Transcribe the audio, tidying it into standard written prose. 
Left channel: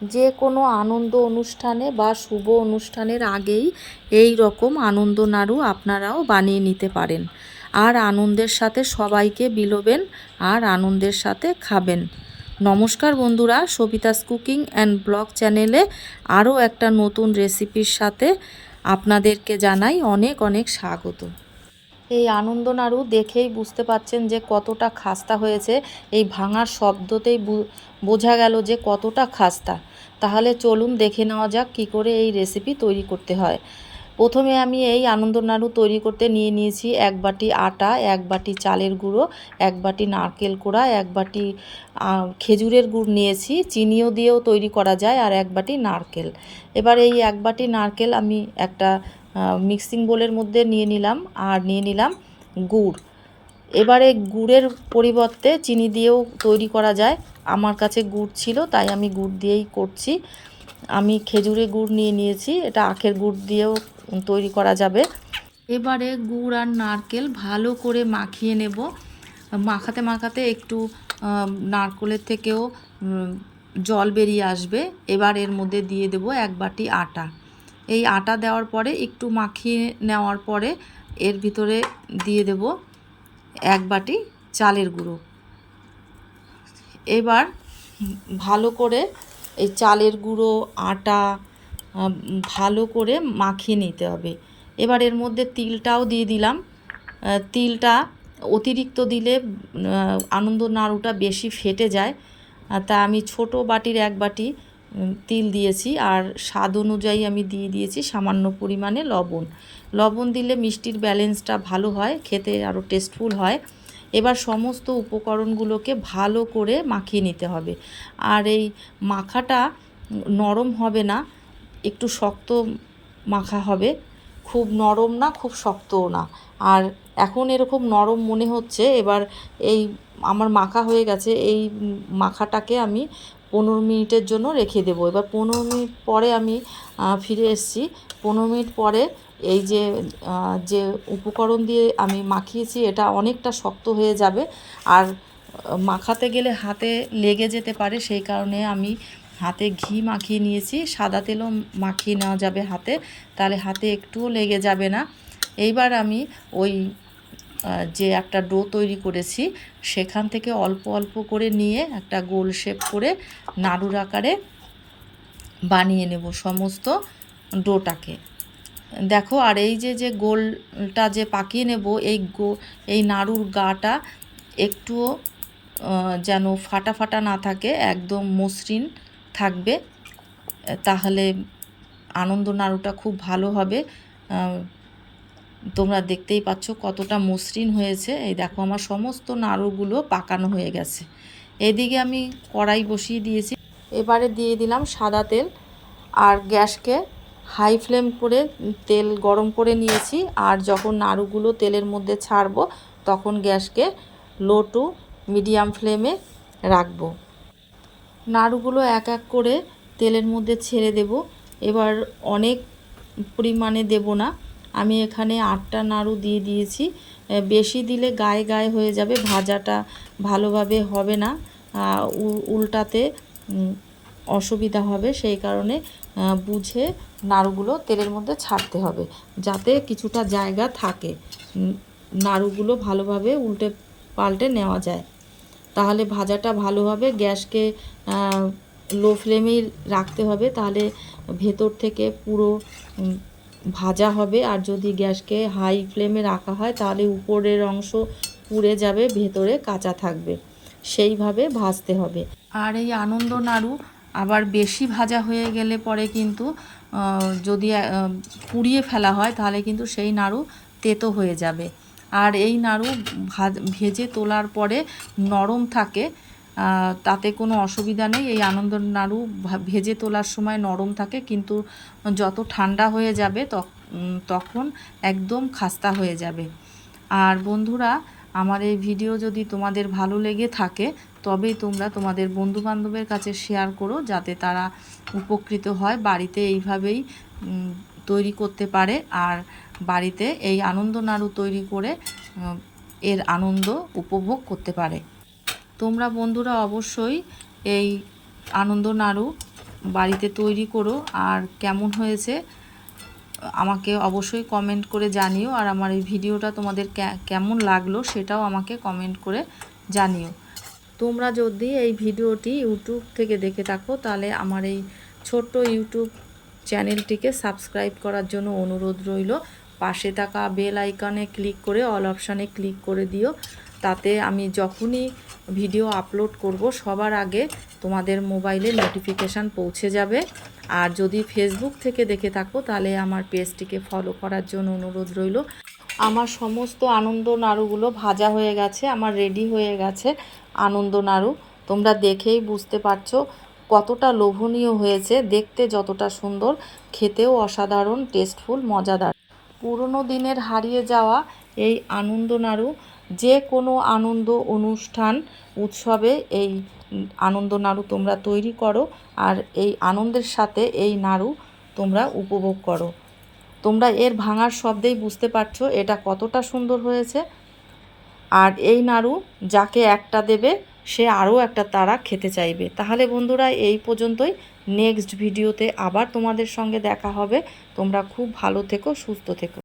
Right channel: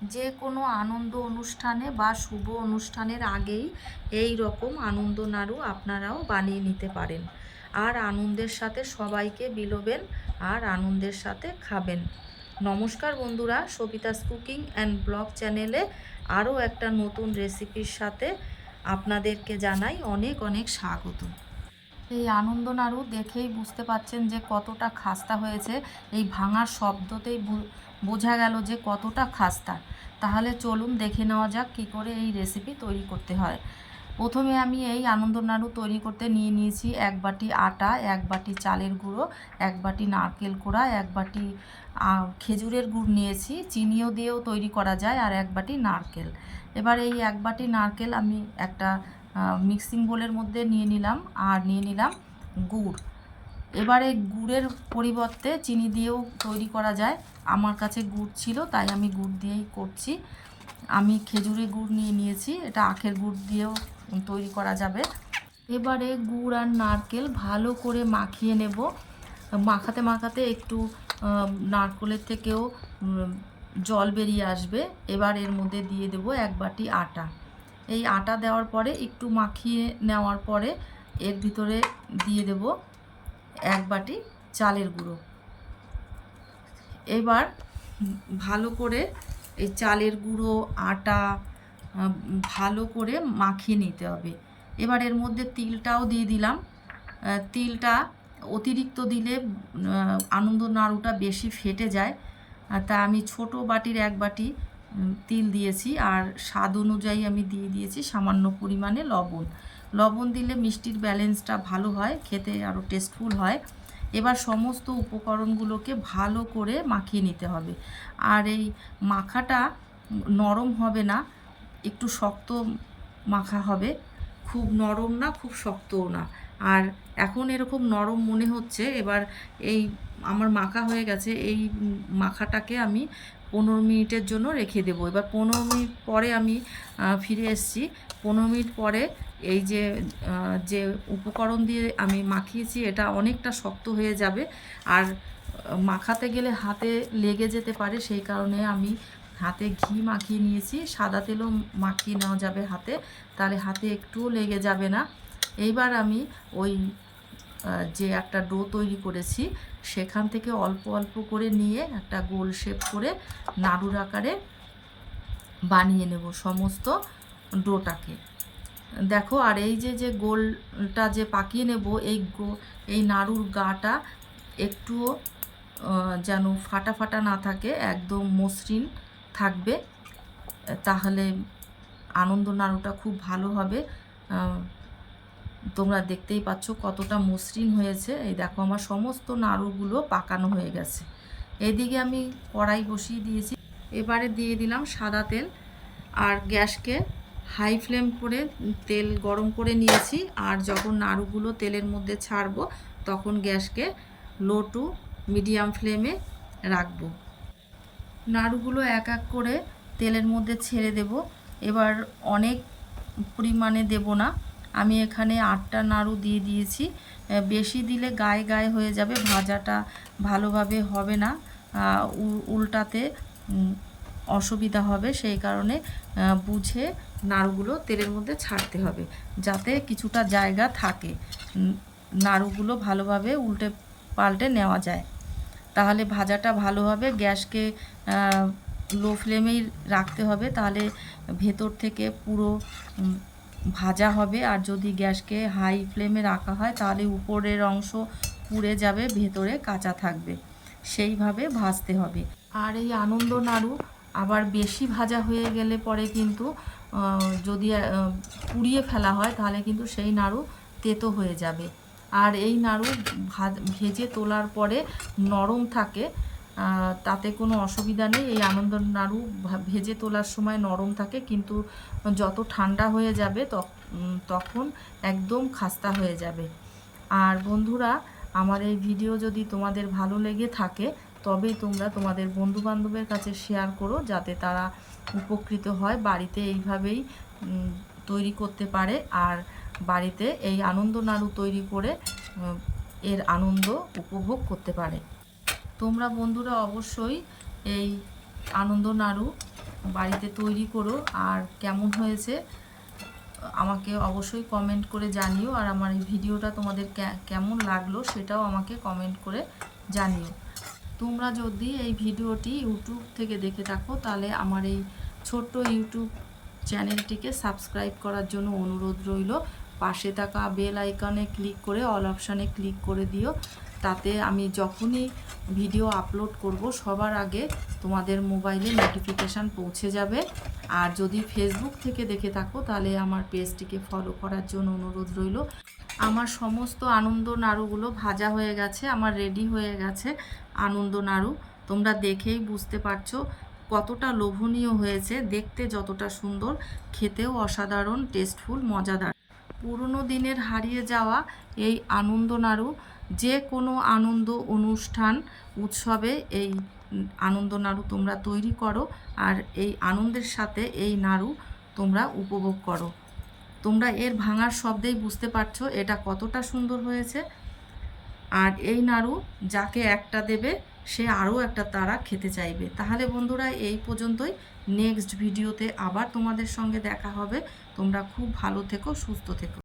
যে কোনো আনন্দ অনুষ্ঠানে বা শুভ অনুষ্ঠানের আগেই এই রকম আনন্দ নাড়ু আপনারাও বানিয়ে নিতে পারেন, আর আনন্দের সাথে সবাইকে বিলোবেন আর আনন্দের সাথে খাবেন। নমস্কার বন্ধুরা, সবিতাস কুকিং অ্যান্ড ব্লগ চ্যানেলে আরও একটা নতুন রেসিপির সাথে আপনাদেরকে জানাই অনেক অনেক স্বাগত। এই আনন্দ নাড়ু দেখেই বুঝতে পাচ্ছেন যে কতটা খাস্তা হয়েছে। এই ভাঙার শব্দতেই বোঝা গেল যে কতটা খাস্তা। তাহলে চলুন দেখে নেওয়া যাক কী করে এই রেসিপি তৈরি করতে হয়। প্রথমে আমি এই আনন্দ নাড়ু তৈরি করতে নিয়েছি 1 বাটি আটা, 1 বাটি চালের গুঁড়ো, 1 বাটি নারকেল কোড়া, 1 বাটি খেজুরের গুড় নিয়েছি, চিনিও দিয়েও তৈরি করা যায়, আর 1 বাটি নারকেল। এবার এই 1 বাটি নারকেল আমি একটা মিক্সিং বোলের মধ্যে নিয়ে নিলাম, আর নিয়ে নিলাম গুড়। এবারে গুড়ের পরিবর্তে চিনি দিয়েও তৈরি করা যায়, আমার কাছে গুড় ছিল তাই আমি গুড় দিয়েই করছি। আমি খেজুরের গুড় নিয়েছি, এটা আখের গুড় দিয়েও তৈরি করা যাবে। এবারে গুড় আর নারকেল ভালো করে মাখিয়ে নেব। মাখাতে মাখাতে একটু নারকেলের থেকেও জল বেরিয়ে আসবে। এবার এর মধ্যে দিয়ে দেব 1 বাটি আটা। এই আটা দেওয়ার পরে একটু মাখিয়ে নেওয়ার পরে এর ভিতরে দিয়ে দেব 1 বাটি চালের গুঁড়ো। এবার ভালো করে এই চালের গুঁড়ো আটা ভালো করে মাখিয়ে নিতে হবে। এবার এর মধ্যে তিলটাও দিয়ে দিলাম। তিলটা অতিরিক্ত দিলে আনন্দ নাড়ুটা বেশি ফেটে যায়, তা আমি ছোট বাটির 1 বাটি তিল দিয়েছি, আর স্বাদ অনুযায়ী আমি দিয়ে দিয়েছি সামান্য পরিমাণে লবণ। লবণ দিলে মিষ্টির ব্যালেন্সটা ভালো হয়, খেতে আরও টেস্টফুল হয়। এবার সমস্ত উপকরণগুলোকে ভালো করে মাখিয়ে নিতে হবে। আর এই মাখাটা নরম হবে না, একটু শক্ত মাখা হবে, খুব নরম না খুব শক্তও না। আর এখন এরকম নরম মনে হচ্ছে। এবার এই আমার মাখা হয়ে গেছে, এই মাখাটাকে আমি 15 মিনিটের জন্য রেখে দেবো। এবার 15 মিনিট পরে আমি ফিরে এসেছি। 15 মিনিট পরে এই যে উপকরণ দিয়ে আমি মাখিয়েছি এটা অনেকটা শক্ত হয়ে যাবে, আর মাখাতে গেলে হাতে লেগে যেতে পারে, সেই কারণে আমি হাতে ঘি মাখিয়ে নিয়েছি। সাদা তেলও মাখিয়ে নেওয়া যাবে হাতে, তাহলে হাতে একটুও লেগে যাবে না। এইবার আমি ওই যে একটা ডো তৈরি করেছি সেখান থেকে অল্প অল্প করে নিয়ে একটা গোল শেপ করে নাড়ুর আকারে বানিয়ে নেব সমস্ত ডোটাকে। দেখো, আর এই যে গোলটা যে পাকিয়ে নেব, এই নাড়ুর গাটা একটুও যেন ফাটা ফাটা না থাকে, একদম মসৃণ থাকবে, তাহলে আনন্দ নাড়ুটা খুব ভালো হবে। তোমরা দেখতেই পাচ্ছ কতটা মসৃণ হয়েছে। এই দেখো আমার সমস্ত নাড়ুগুলো পাকানো হয়ে গেছে। এদিকে আমি কড়াই বসিয়ে দিয়েছি। এবারে দিয়ে দিলাম সাদা তেল, আর গ্যাসকে হাই ফ্লেম করে তেল গরম করে নিয়েছি। আর যখন নাড়ুগুলো তেলের মধ্যে ছাড়বো তখন গ্যাসকে লো টু মিডিয়াম ফ্লেমে রাখবো। নাড়ুগুলো এক এক করে তেলের মধ্যে ছেড়ে দেব। এবার অনেক পরিমাণে দেব না, আমি এখানে 8টা নাড়ু দিয়ে দিয়েছি। বেশি দিলে গায়ে গায়ে হয়ে যাবে, ভাজাটা ভালোভাবে হবে না, উল্টাতে অসুবিধা হবে। সেই কারণে বুঝে নাড়ুগুলো তেলের মধ্যে ছাড়তে হবে, যাতে কিছুটা জায়গা থাকে, নাড়ুগুলো ভালোভাবে উল্টে পাল্টে নেওয়া যায়, তাহলে ভাজাটা ভালো হবে। গ্যাসকে লো ফ্লেমেই রাখতে হবে, তাহলে ভেতর থেকে পুরো ভাজা হবে। আর যদি গ্যাসকে হাই ফ্লেমে রাখা হয় তাহলে উপরের অংশ পুড়ে যাবে, ভেতরে কাঁচা থাকবে, সেইভাবে ভাজতে হবে। আর এই আনন্দ নাড়ু আবার বেশি ভাজা হয়ে গেলে পরে কিন্তু যদি পুড়িয়ে ফেলা হয় তাহলে কিন্তু সেই নাড়ু তেতো হয়ে যাবে। আর এই নাড়ু ভেজে তোলার পরে নরম থাকে, তাতে কোনো অসুবিধা নেই। এই আনন্দ নাড়ু ভেজে তোলার সময় নরম থাকে, কিন্তু যত ঠান্ডা হয়ে যাবে তখন একদম খাস্তা হয়ে যাবে। আর বন্ধুরা, আমার এই ভিডিও যদি তোমাদের ভালো লেগে থাকে তবেই তোমরা তোমাদের বন্ধুবান্ধবের কাছে শেয়ার করো, যাতে তারা উপকৃত হয়, বাড়িতে এইভাবেই তৈরি করতে পারে, আর বাড়িতে এই আনন্দ নাড়ু তৈরি করে এর আনন্দ উপভোগ করতে পারে। তোমরা বন্ধুরা অবশ্যই এই আনন্দ নাড়ু বাড়িতে তৈরি করো, আর কেমন হয়েছে আমাকে অবশ্যই কমেন্ট করে জানিও। আর আমার এই ভিডিওটা তোমাদের কেমন লাগলো সেটাও আমাকে কমেন্ট করে জানিও। তোমরা যদি এই ভিডিওটি ইউটিউব থেকে দেখে থাকো তাহলে আমার এই ছোট্ট ইউটিউব চ্যানেলটিকে সাবস্ক্রাইব করার জন্য অনুরোধ রইল। পাশে থাকা বেল আইকনে ক্লিক করে অল অপশানে ক্লিক করে দিও, তাতে আমি যখনই ভিডিও আপলোড করব সবার আগে তোমাদের মোবাইলে নোটিফিকেশান পৌঁছে যাবে। আর যদি ফেসবুক থেকে দেখে থাকো তাহলে আমার পেজটিকে ফলো করার জন্য অনুরোধ রইল। আমার সমস্ত আনন্দ নাড়ুগুলো ভাজা হয়ে গেছে, আমার রেডি হয়ে গেছে আনন্দ নাড়ু। তোমরা দেখেই বুঝতে পারছো কতটা লোভনীয় হয়েছে, দেখতে যতটা সুন্দর, খেতেও অসাধারণ টেস্টফুল, মজাদার। পুরনো দিনের হারিয়ে যাওয়া এই আনন্দ নাড়ু যে কোনো আনন্দ অনুষ্ঠান উৎসবে এই আনন্দ নাড়ু তোমরা তৈরি করো, আর এই আনন্দের সাথে এই নাড়ু তোমরা উপভোগ করো। তোমরা এর ভাঙার শব্দেই বুঝতে পারছো এটা কতটা সুন্দর হয়েছে। আর এই নাড়ু যাকে একটা দেবে সে আরও একটা তারা খেতে চাইবে। তাহলে বন্ধুরা এই পর্যন্তই, নেক্সট ভিডিওতে আবার তোমাদের সঙ্গে দেখা হবে। তোমরা খুব ভালো থেকো, সুস্থ থেকো।